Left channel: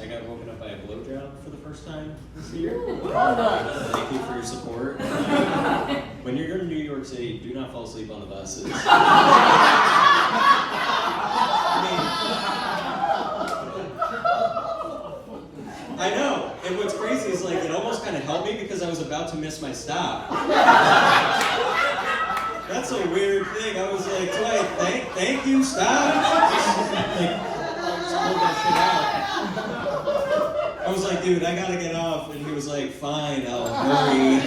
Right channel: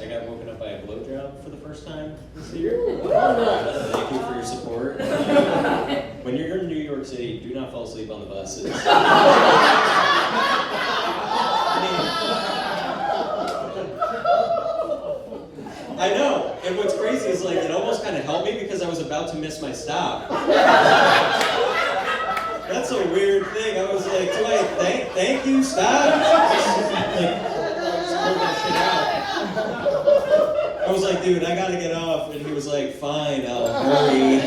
I got woken up by a blowjob for the first time this year. Thank you for your support. When you're in New York City, do not fall asleep on the buses. I know, and what's crazy is like it almost kind of helped me because I was about to miss my stop. That's a weird thing. I was like, do I thank you, stop? Like, pull that shit out. I was like, dude, I gotta get off, and he was like, fine, I'll hurry.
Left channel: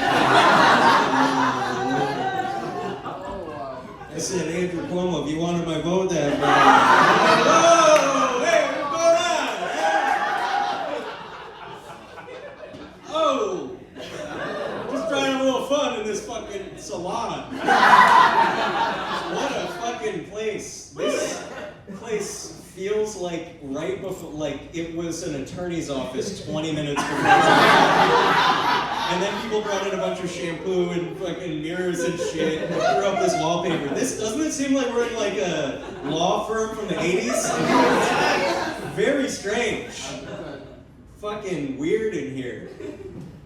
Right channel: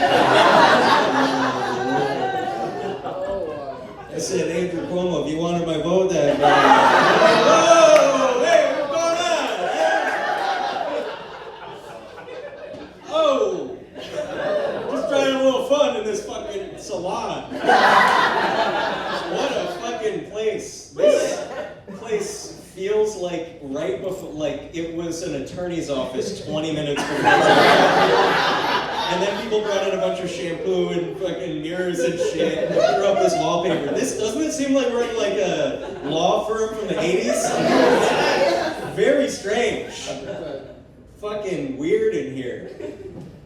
I said, Andrew Cuomo, if you wanted my vote that day. Whoa, hey, what's going on? Oh, just trying a little fun in this fucking salon. What a fucking place. This place feels like right before, like it was an attorney's office 20 minutes before. And then people brought in a bunch of shampoo and fucking mirrors and shit and threw up this wallpaper. Doesn't it seem like we're in like a law firm from the 80s? Very strange. Fucking weird in here.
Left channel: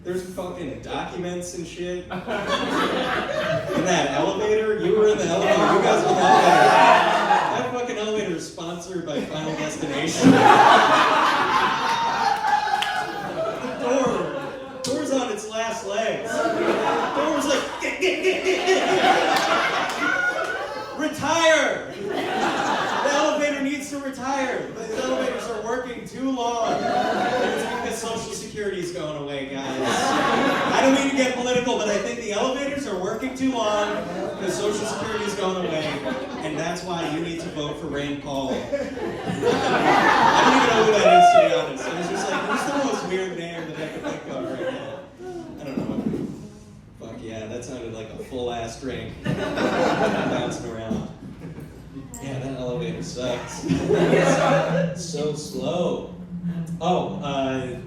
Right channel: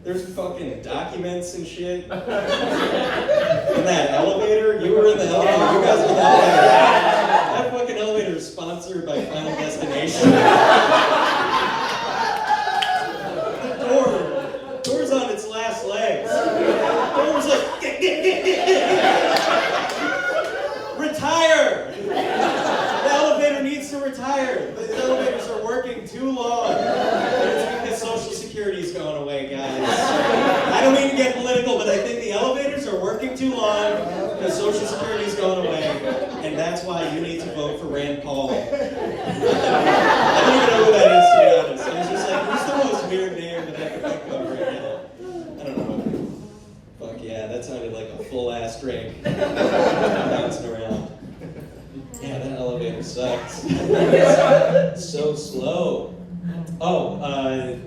There's fucking documents and shit. In that elevator? You were in the elevator. You guys were in the elevator. That fucking elevator is sponsored by Final Destination. The door's on its last legs. The door's like, retire! The elevator needs to retire. The elevators are working too long. It's because Social Security's going away, guys. I don't mean to get political, but I think the elevators are working too long because Social Security's going away, and that's why you need to vote for Rand Paul. I don't even know who that is, to be honest. I was just like, who's the most weird name that I can think of right now? I don't know. Fuck yeah, that sounded like a full-ass drink. Bouncing around. Yeah, that elevator sucks. So slow. Oh, I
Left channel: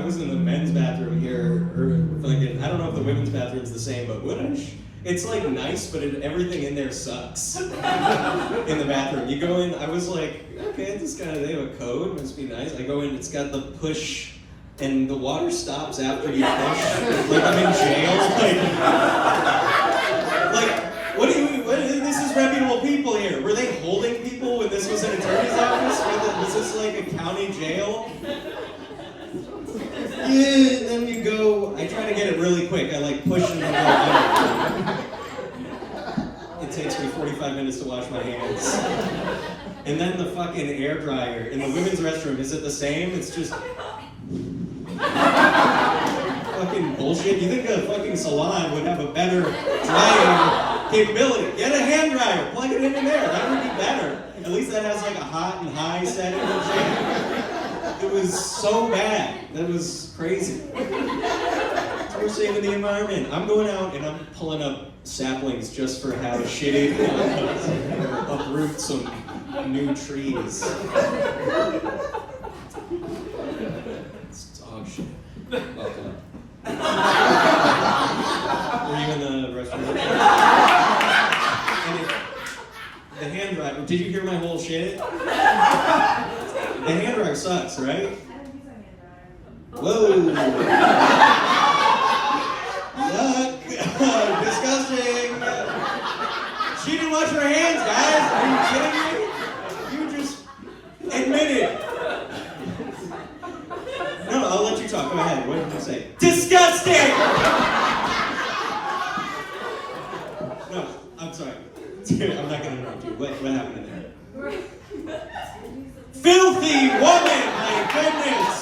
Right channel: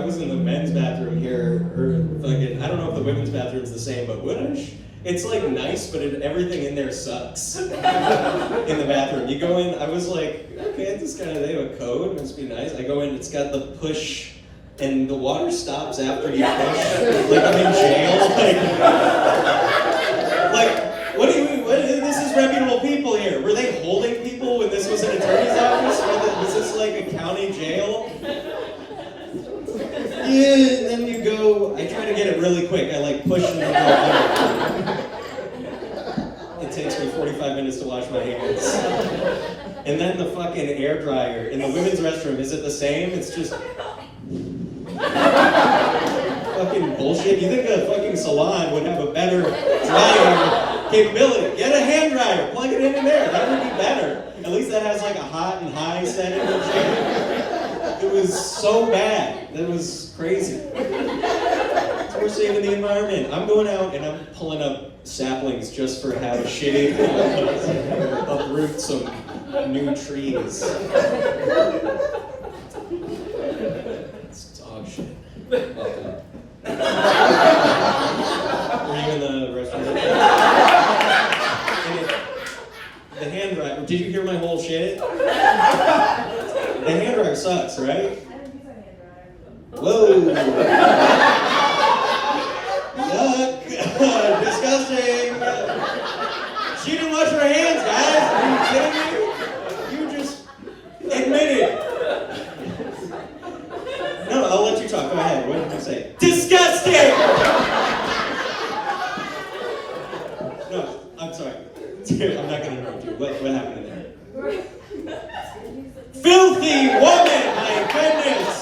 was in the men's bathroom here, or fucking, I don't know if the women's bathroom's the same, but whoosh. It's like nice, but everything in there sucks. In the bathroom. You go in, I was like, okay, this guy, they have a code, must be nice. I go in, it's got the push, and the water stops after you push. Like I'm in jail. Like what do you mean? This is reputable people here. Were they holding people when this was an attorney's office? Was this like a county jail? Yeah, and then you go, I try to get it really quick. I like push and then go. It takes me 45 minutes to wash my hands. And then the fucking air dryer in the women's restroom, is it the same? It's just fucking bullshit. You think a fucking salon would have a better drying capability? Get a hand dryer, plug it in there. That would be better. At least that has like a hot and high setting and shit. It was so bad. That was crazy. So we're saving the environment. I'm going out and I'm pulling up saplings just for how shitty uproot some new trees. It's dog shit. Welcome. Were you in the restaurant? The hand dryer. Did you hear my whole shit? The hand dryer sucks, right? I don't use our hand dryer. Whoa! Yuck! Disgusting! She didn't wash her hands, guys! Are you kidding me? You just admitted. No, I'll let you talk. Go ahead. What did you say? Disgusting! No, I'm sorry. Dude, I'm not going to interrupt you. What happened in there? Filthy woman! My goodness!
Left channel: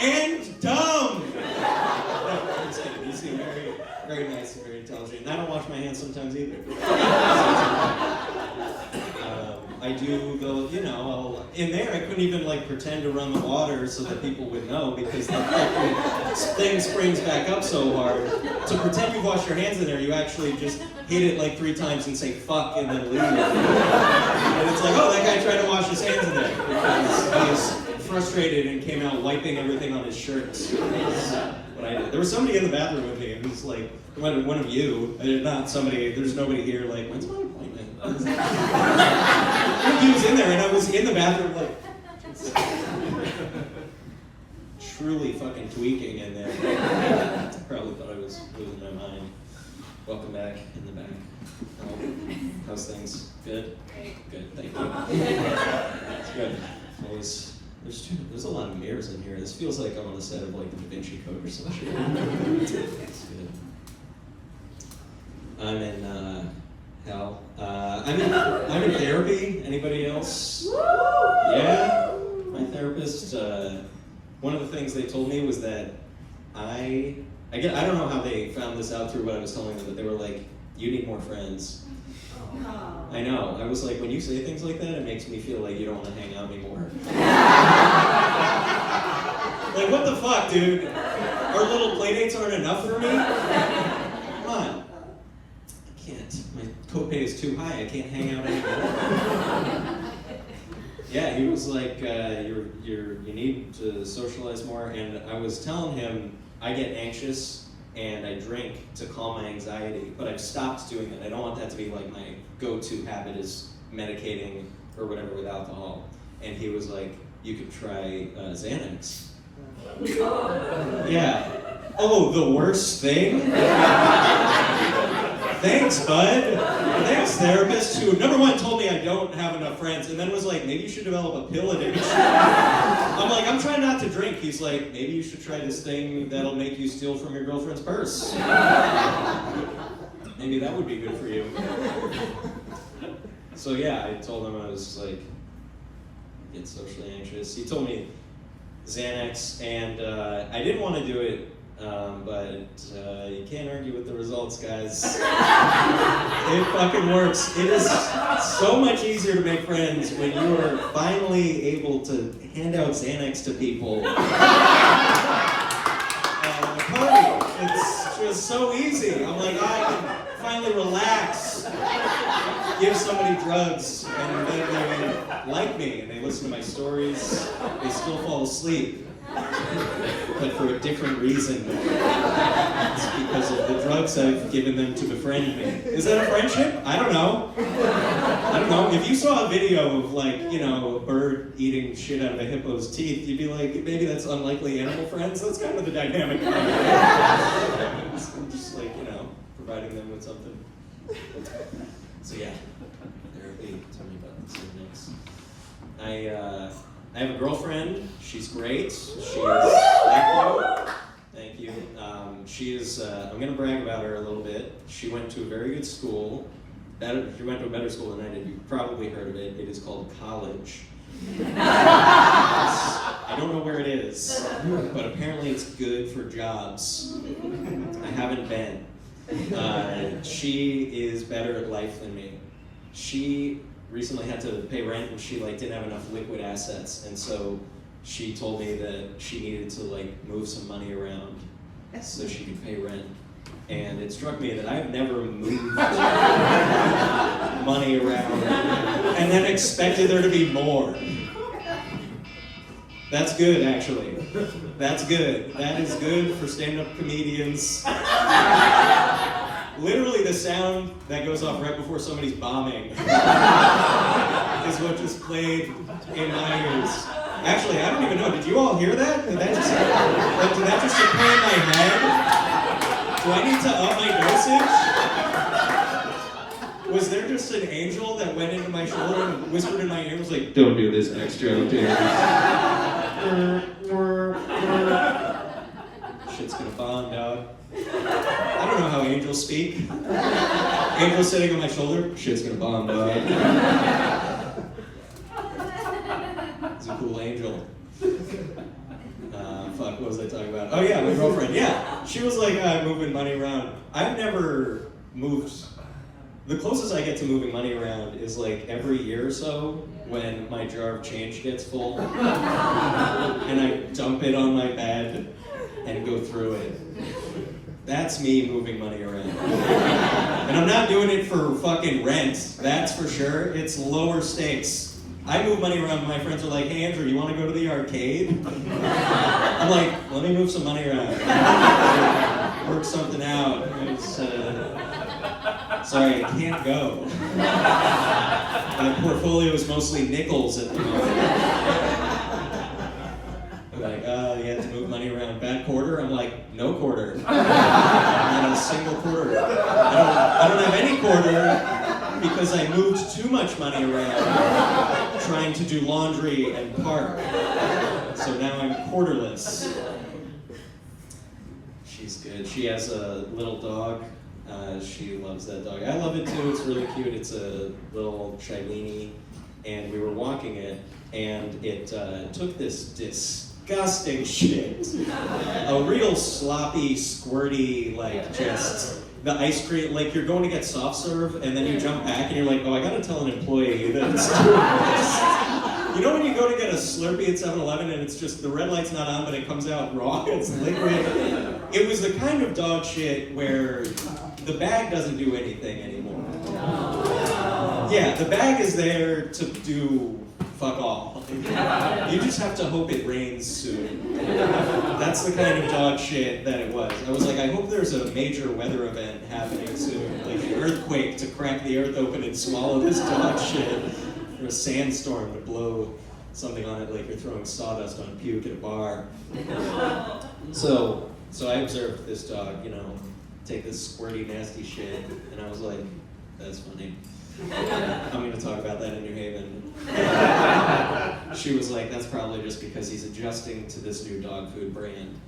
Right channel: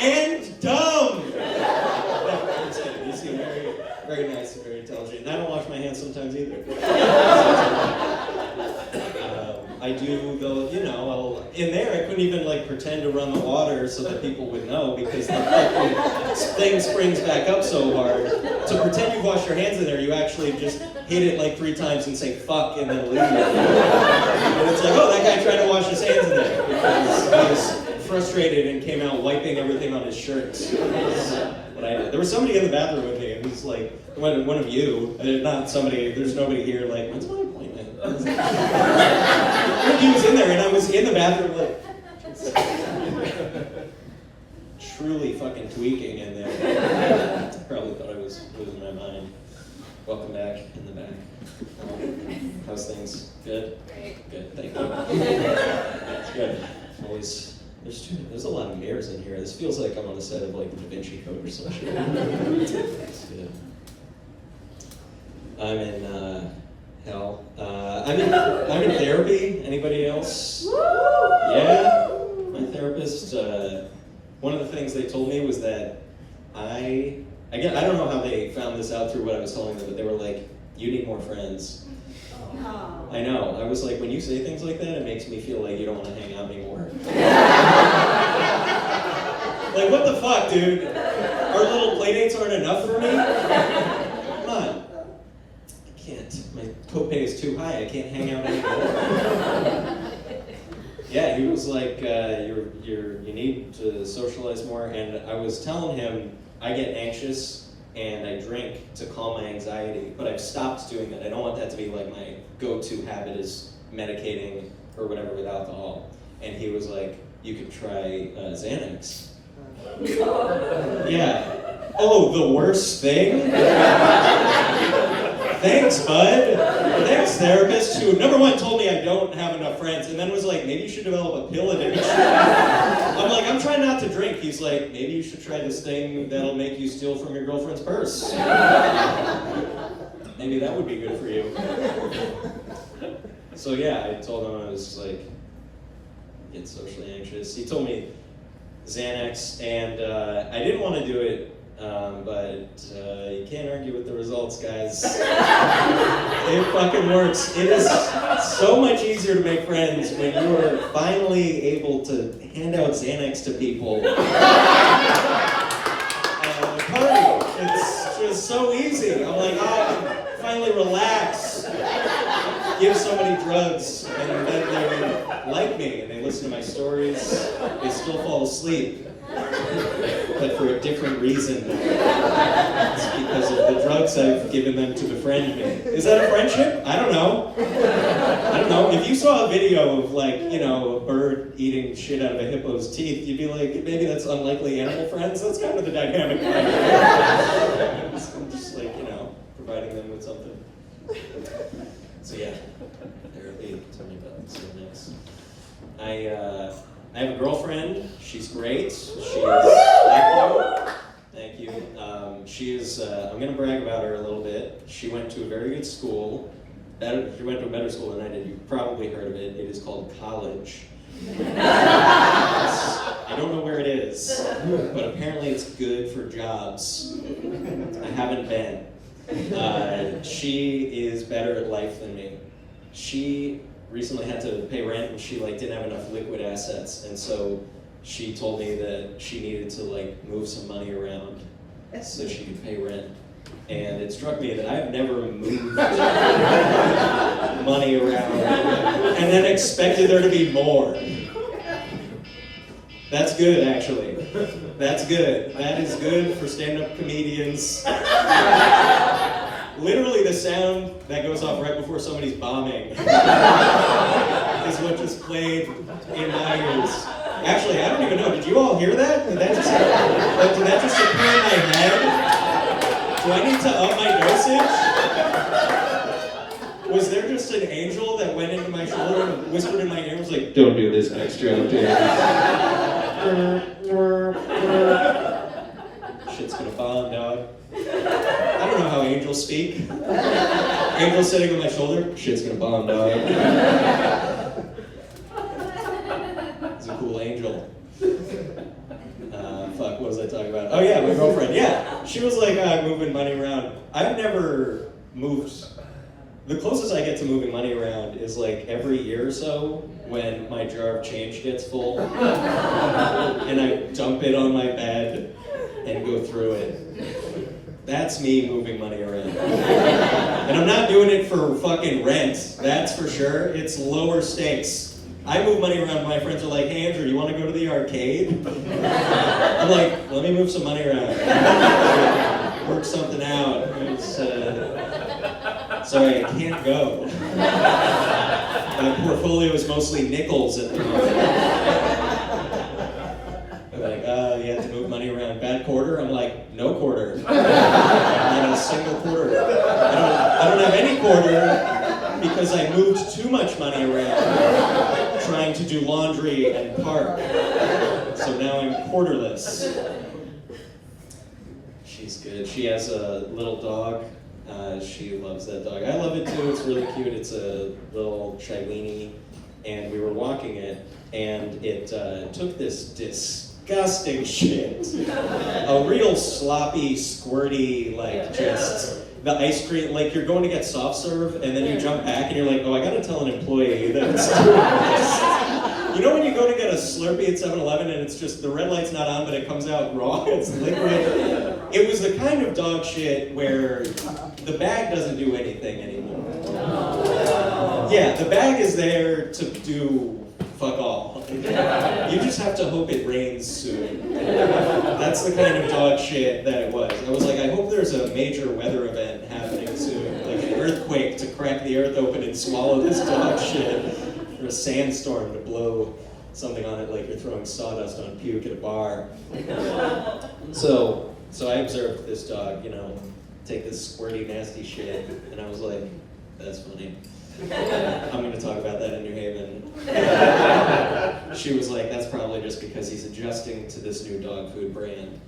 And dumb! No, I'm just kidding. You seem very, very nice and very intelligent. And I don't wash my hands sometimes either. I do, though, you know, in there I couldn't even like pretend to run the water so that people would know because the fucking thing springs back up so hard. To pretend you've washed your hands in there, you actually just hit it like 3 times and say fuck and then leave. And it's like, oh, that guy tried to wash his hands in there because he was frustrated and came out wiping everything on his shirts. What I did. There was somebody in the bathroom with me, and he's like, one of you, not somebody, there's nobody here, like, when's my appointment? He was in there, and I was in the bathroom, like, truly fucking tweaking in there. Probably thought I was losing my mind. Welcome back in the back. How's things? Good? Good, thank you. It's good. Always, there's a lot of mirrors in here. This feels like I'm on the set of like the Da Vinci Code or some shit. It's good. I'm in hell. I'm in therapy. Anybody else? Yeah. My therapist. One of the things they told me was that I don't know how they found this out through what I was telling them, but they were like, "You need more friends." Oh. I know. I was like, when you say things like that, it makes me feel like you don't want to hang out anymore. Like, what the fuck, dude? Our little playdates aren't enough for me? Come on. I can't. My copay is too high. I can't hang out anymore. Yeah, he was like, you need to socialize more. And I was telling him I get anxious and I drink to calm my anxiety, but I've stopped doing that. I don't want that to be like my go-to habit is medicating or whatever with alcohol. And he was like, you could try Xanax. Yeah. Oh, the worst thing? Thanks, bud. Thanks, therapist, who number one told me I don't have enough friends, and then was like, maybe you should develop a pill addiction. I'm like, I'm trying not to drink. He's like, maybe you should try this thing that'll make you steal from your girlfriend's purse. Maybe that would be good for you. So yeah, I told him I was like, get socially anxious. He told me Xanax, and I didn't want to do it. But you can't argue with the results, guys. It fucking works. It is so much easier to make friends when you are finally able to hand out Xanax to people. Party. It's just so easy. I'm like, I can finally relax. Give somebody drugs, and then they like me, and they listen to my stories. They still fall asleep. But for a different reason. It's because of the drugs I've given them to befriend me. Is that a friendship? I don't know. I don't know. If you saw a video of like, you know, a bird eating shit out of a hippo's teeth, you'd be like, maybe that's unlikely animal friends. That's kind of the dynamic. I'm just like, you know, providing them with something. So yeah, therapy. Tell me about this next. I have a girlfriend. She's great. Thank you. She is, I'm going to brag about her a little bit. She went to a very good school. She went to a better school than I did. You've probably heard of it. It is called college. I don't know where it is, but apparently it's good for jobs. I haven't been. She is better at life than me. She recently had to pay rent and she like didn't have enough liquid assets, and so she told me that she needed to like move some money around so she could pay rent. And it struck me that I've never moved money around and then expected there to be more. That's good, actually. That's good. That is good for stand-up comedians. Literally the sound that goes off right before somebody's bombing is what just played in my ears. Actually, I don't even know. Did you all hear that? Did that just appear in my head? Do I need to up my dosage? Was there just an angel that went into my shoulder and whispered in my ear and was like, don't do this next joke, dude. Shit's gonna bomb, dog. I don't know how angels speak. Angels sitting on my shoulder, shit's gonna bomb, dog. It's a cool angel. Fuck, what was I talking about? Oh yeah, my girlfriend, yeah. She was like moving money around. I've never moved. The closest I get to moving money around is like every year or so when my jar of change gets full and I dump it on my bed and go through it. That's me moving money around. And I'm not doing it for fucking rent, that's for sure. It's lower stakes. I move money around, my friends are like, hey Andrew, you want to go to the arcade? I'm like, let me move some money around. Work something out. Sorry, I can't go. My portfolio is mostly nickels at the moment. I'm like, you have to move bad quarter? I'm like, no quarter. Not a single quarter. I don't have any quarter because I moved too much money around trying to do laundry and park. So now I'm quarterless. She's good. She has a little dog. She loves that dog. I love it too. It's really cute. It's a little Chilini, and we were walking it, and it took this disgusting shit. A real sloppy, squirty, like just the ice cream. Like you're going to get soft serve, and then you jump back, and you're like, oh, I gotta tell an employee that it's too gross. You know when you go to get a Slurpee at 7-Eleven and it's just, the red light's not on, but it comes out raw, it's liquid? It was the kind of dog shit where the bag doesn't do anything anymore. Yeah, the bag is there to do fuck all. You just have to hope it rains soon. That's the kind of dog shit that it was. I was like, I hope there's a major weather event happening soon, like an earthquake to crack the earth open and swallow this dog shit. Or a sandstorm to blow something on it like you're throwing sawdust on puke at a bar. So I observed this dog, take this squirty, nasty shit, and I was like, that's funny. I'm going to talk about that in New Haven. She was like, that's probably just because he's adjusting to this new dog food brand.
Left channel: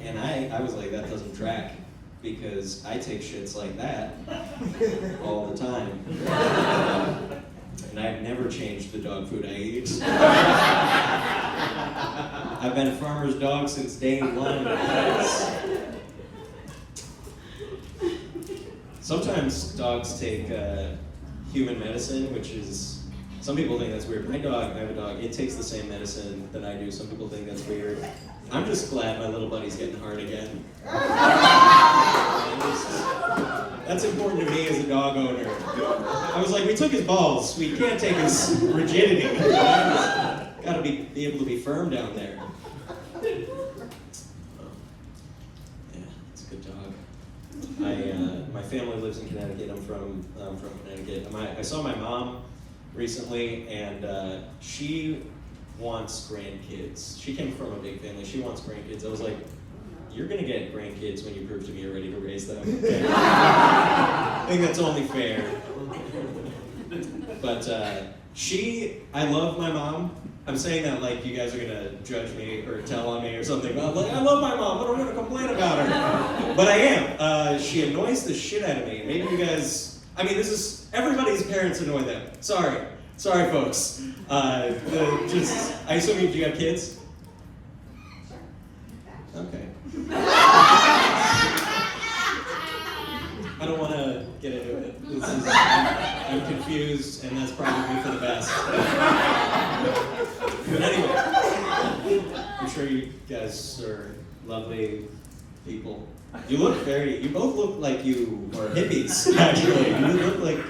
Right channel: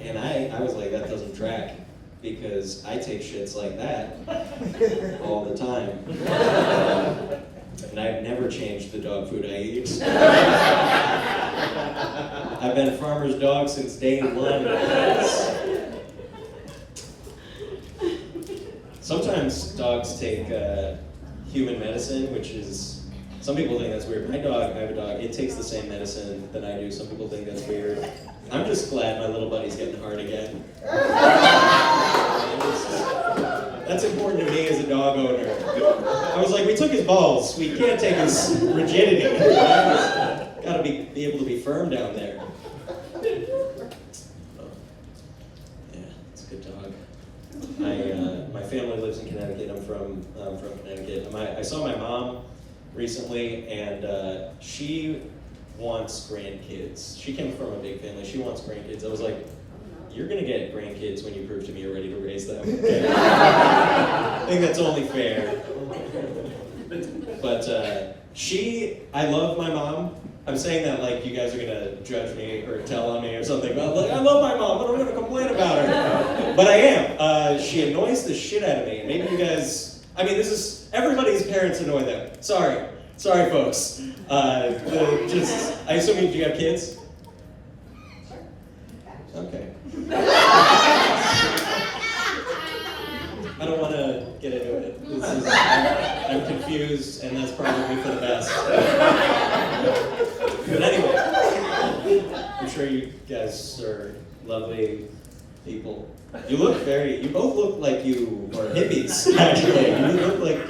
And I was like, that doesn't track, because I take shits like that all the time. And I've never changed the dog food I eat. I've been a farmer's dog since day one. Sometimes dogs take human medicine, which is, some people think that's weird. I have a dog, it takes the same medicine that I do. Some people think that's weird. I'm just glad my little buddy's getting hard again. That's important to me as a dog owner. I was like, we took his balls. We can't take his rigidity. Gotta be able to be firm down there. Yeah, it's a good dog. My family lives in Connecticut. I'm from Connecticut. I saw my mom recently, and she wants grandkids. She came from a big family. She wants grandkids. I was like, you're going to get grandkids when you prove to me you're ready to raise them. Okay? I think that's only fair. But I love my mom. I'm saying that like you guys are going to judge me or tell on me or something. But like, I love my mom, but I'm going to complain about her. But I am. She annoys the shit out of me. Maybe you guys, everybody's parents annoy them. Sorry, folks. I assume do you have kids? Okay. I don't want to get into it. I'm confused, and that's probably for the best. But anyway, I'm sure you guys are lovely people. You both look like you are hippies, actually. You look like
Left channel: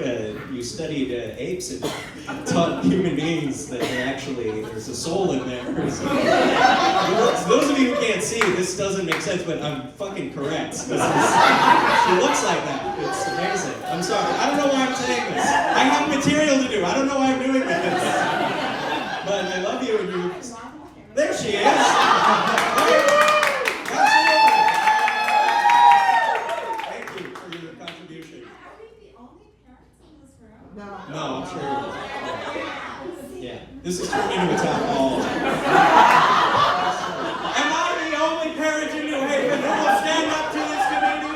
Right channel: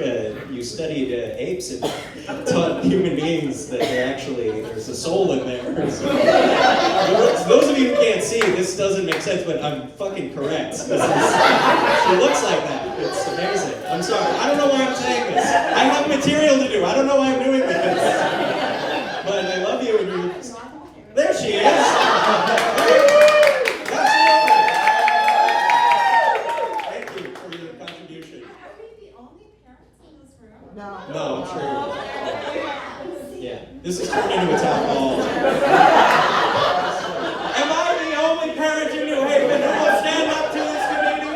you studied apes and taught human beings that there's a soul in there. For those of you who can't see, this doesn't make sense, but I'm fucking correct. She looks like that. It's amazing. I'm sorry. I don't know why I'm saying this. I have material to do. I don't know why I'm doing this. But I love you, and you. There she is. No, I'm sure. Yeah, this is turned into a town hall. Am I the only parent in New Haven who will stand up to this community?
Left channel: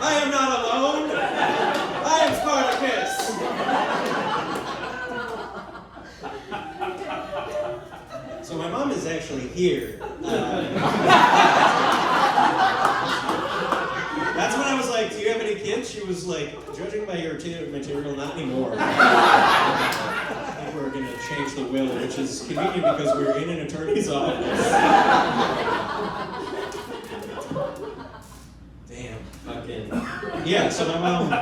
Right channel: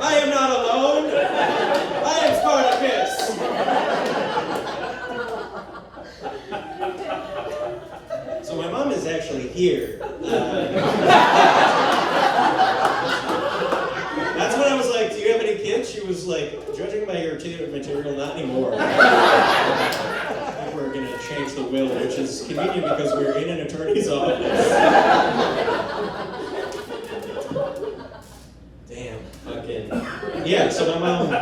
I am not alone. I am Spartacus. So my mom is actually here. That's when I was like, do you have any kids? She was like, judging by your material, not anymore. I think we're going to change the will, which is convenient because we're in an attorney's office. Damn, fucking. Yeah, so my mom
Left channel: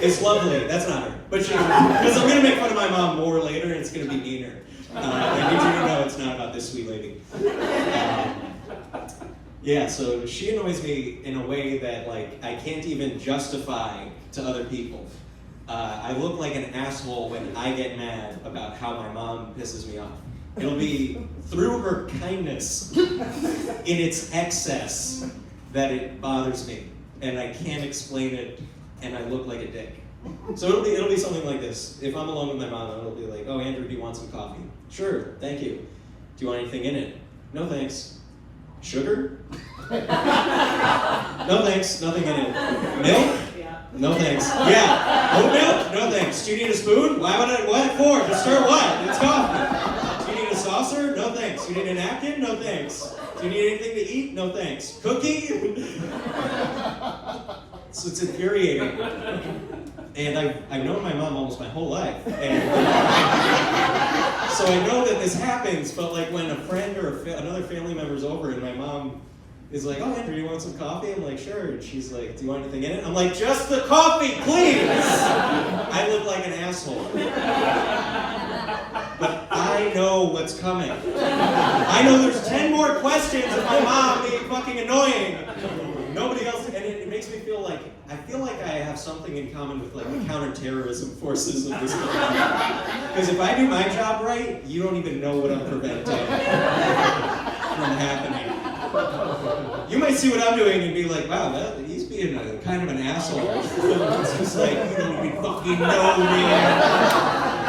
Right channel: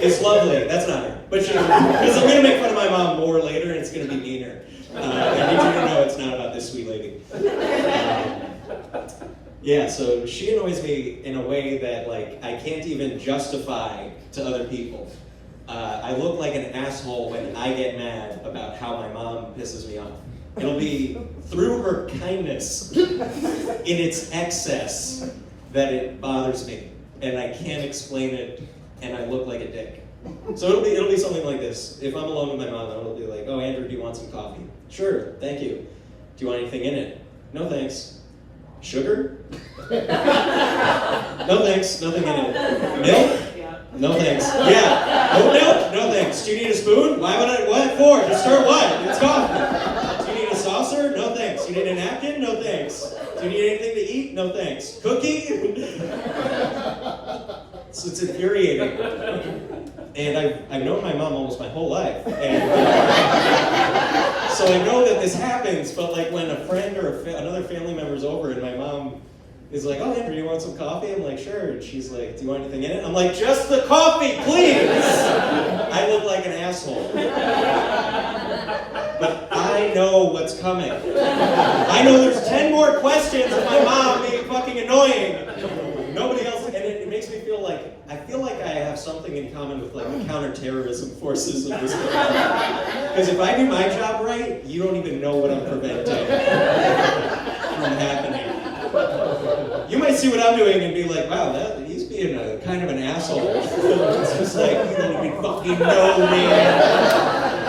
is lovely. That's not her. But because I'm going to make fun of my mom more later, and it's going to be meaner. I need you to know it's not about this sweet lady. Yeah, so she annoys me in a way that like I can't even justify to other people. I look like an asshole when I get mad about how my mom pisses me off. It'll be through her kindness in its excess that it bothers me, and I can't explain it, and I look like a dick. So it'll be something like this. If I'm alone with my mom, it'll be like, oh, Andrew, do you want some coffee? Sure, thank you. Do you want anything in it? No, thanks. Sugar? No, thanks, nothing in it. Milk? No, thanks. Yeah. Oat milk? No, thanks. Do you need a spoon? Why would I? What for? To stir what? It's coffee. Do you need a saucer? No, thanks. Do you need a napkin? No, thanks. Do you need anything to eat? No, thanks. Cookie? So it's infuriating. And I've known my mom almost my whole life. And so I know that this happens, but like when a friend or another family member's over and my mom is like, oh, Andrew, you want some coffee? I'm like, sure. And she's like, do you want anything in it? I'm like, just the coffee, please! I look like an asshole. But I know what's coming. I know there's 10 more questions of my mom being fucking annoying. Nobody else, and it makes me feel like, I have something in common with like the counterterrorism forces of this country. Because if I do my job right, you don't even know what I'm preventing from happening. You might see what I'm doing and be like, wow, he's being a kind of an asshole. It's just like, you don't even fucking know, man.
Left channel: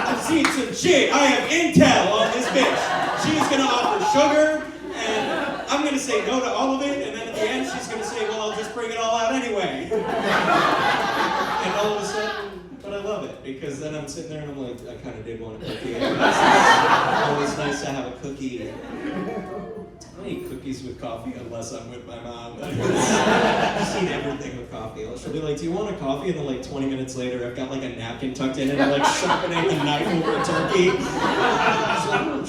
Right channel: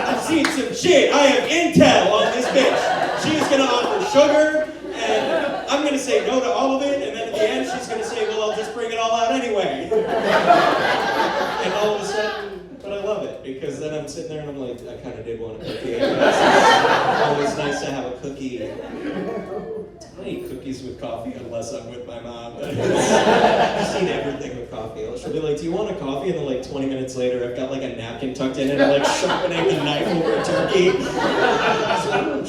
I've seen some shit. I have intel on this bitch. She's gonna offer sugar, and I'm gonna say no to all of it, and then at the end she's gonna say, well, I'll just bring it all out anyway. And all of a sudden, but I love it, because then I'm sitting there and I'm like, I kind of did want a cookie. It's always nice to have a cookie. I don't eat cookies with coffee unless I'm with my mom. I eat everything with coffee. She'll be like, do you want a coffee? And then like 20 minutes later, I've got like a napkin tucked in and I'm like sharpening the knife over a turkey.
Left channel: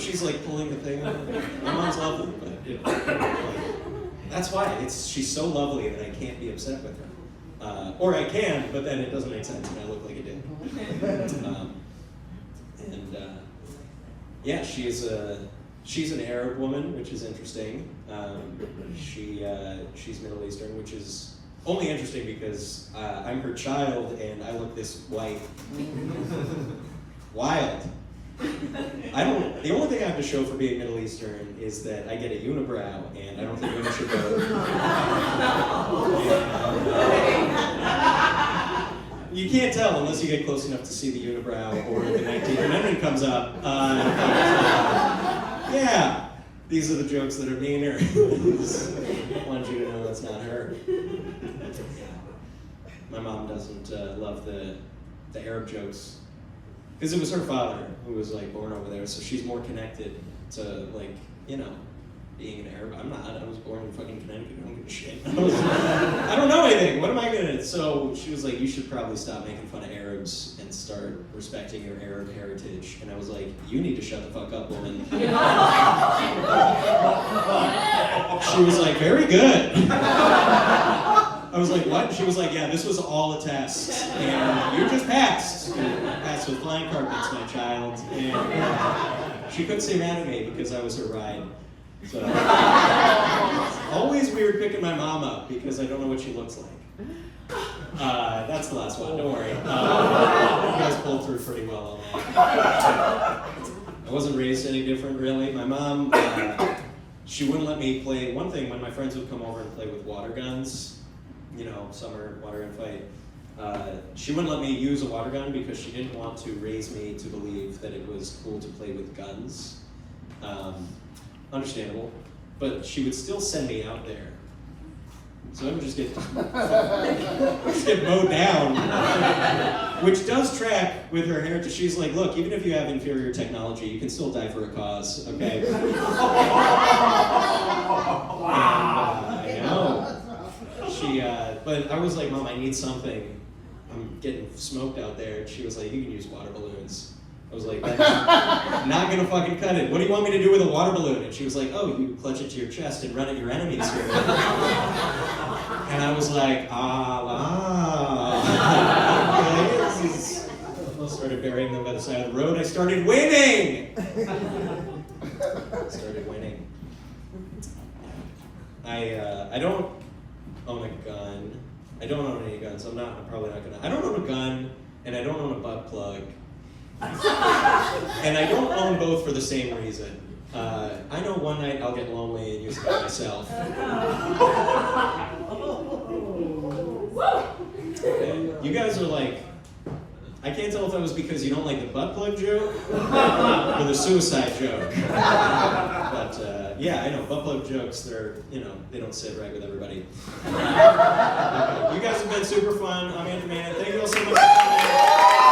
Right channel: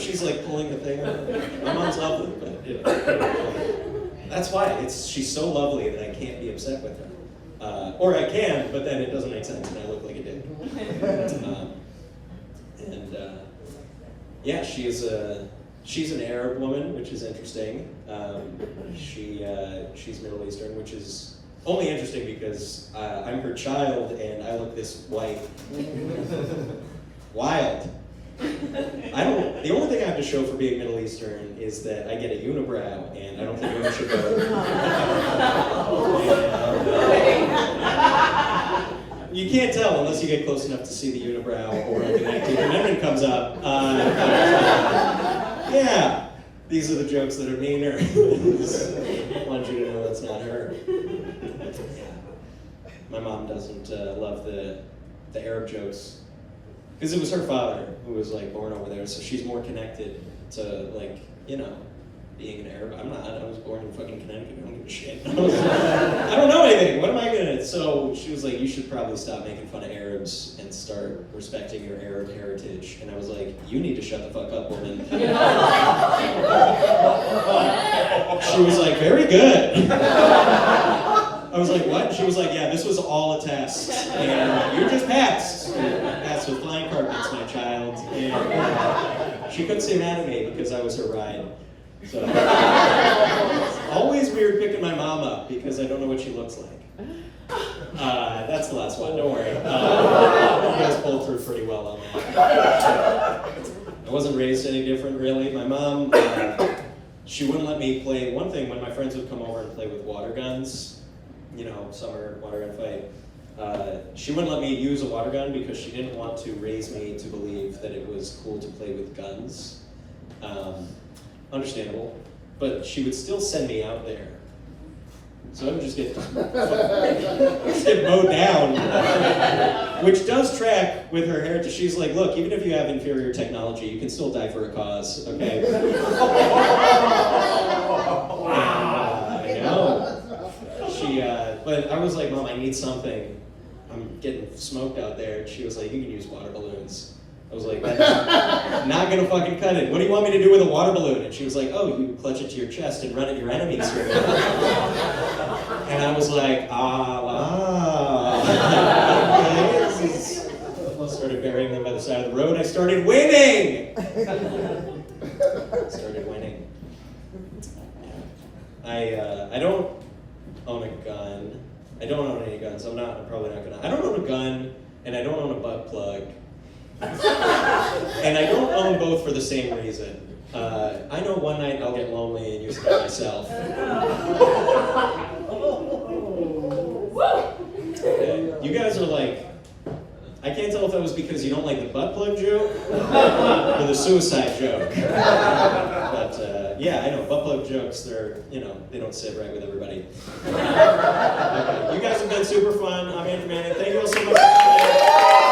She's like pulling the thing out. My mom's lovely, but that's why. She's so lovely that I can't be upset with her. Or I can, but then it doesn't make sense and I look like a dick. Yeah, she's an Arab woman, which is interesting. She's Middle Eastern, which is only interesting because I'm her child and I look this white. Wild. The only thing I have to show for being Middle Eastern is that I get a unibrow, and I don't think women should go. You can't tell unless you get close enough to see the unibrow or the 19th Amendment comes up. Yeah, these are the jokes that are meaner. I want you to know that's not her. My mom doesn't love the Arab jokes. Because it was her father who was like born over there, so she's more connected to like, you know, being an Arab. I'm not. I was born in fucking Connecticut. I don't give a shit. I don't know anything. What am I gonna? So she was like, you should probably stop making fun of Arabs and start respecting your Arab heritage. And I was like, you need to shut the fuck up, woman. She was like, very good. I was like, what? She was like, yeah, this was all a test. And you just passed. Passed with flying carpets, my child. And she couldn't say mad at me because I was her ride. So it's always weird picking my mom up because I don't know what she looks like. That's the last one, don't worry. You guys pulled through pretty well on that. I wasn't raised any different, really. My mom, she wouldn't let me play. One thing, when my friends would come over and play with water guns, you know, summer water gun fight, she wouldn't let me use a water gun because she didn't want to raise me to believe that it was cool to play with guns. Understandable, but she would still send me out there. So I would just get mowed down, which does track with her heritage. She's like, look, even if you have inferior technology, you can still die for a cause, okay? I know. But I was like, Mom, I need something. I'm getting smoked out there. And she was like, you can use water balloons. I was like, that's not gonna fucking cut it. What do you want me to do with a water balloon? And she was like, oh, you clutch it to your chest and run at your enemies with it. And I was like, okay. I started burying them by the side of the road. I started winning. I don't own a gun. I don't own any guns. I'm probably not gonna. I don't own a gun, and I don't own a butt plug. And I don't own both for the same reason. I know one night I'll get lonely and use it by myself. Okay. You guys are like, I can't tell if that was because you don't like the butt plug joke or the suicide joke. But yeah, I know butt plug jokes. They're they don't sit right with everybody. Okay. You guys have been super fun. I'm Andrew Manning. Thank you all so much for coming.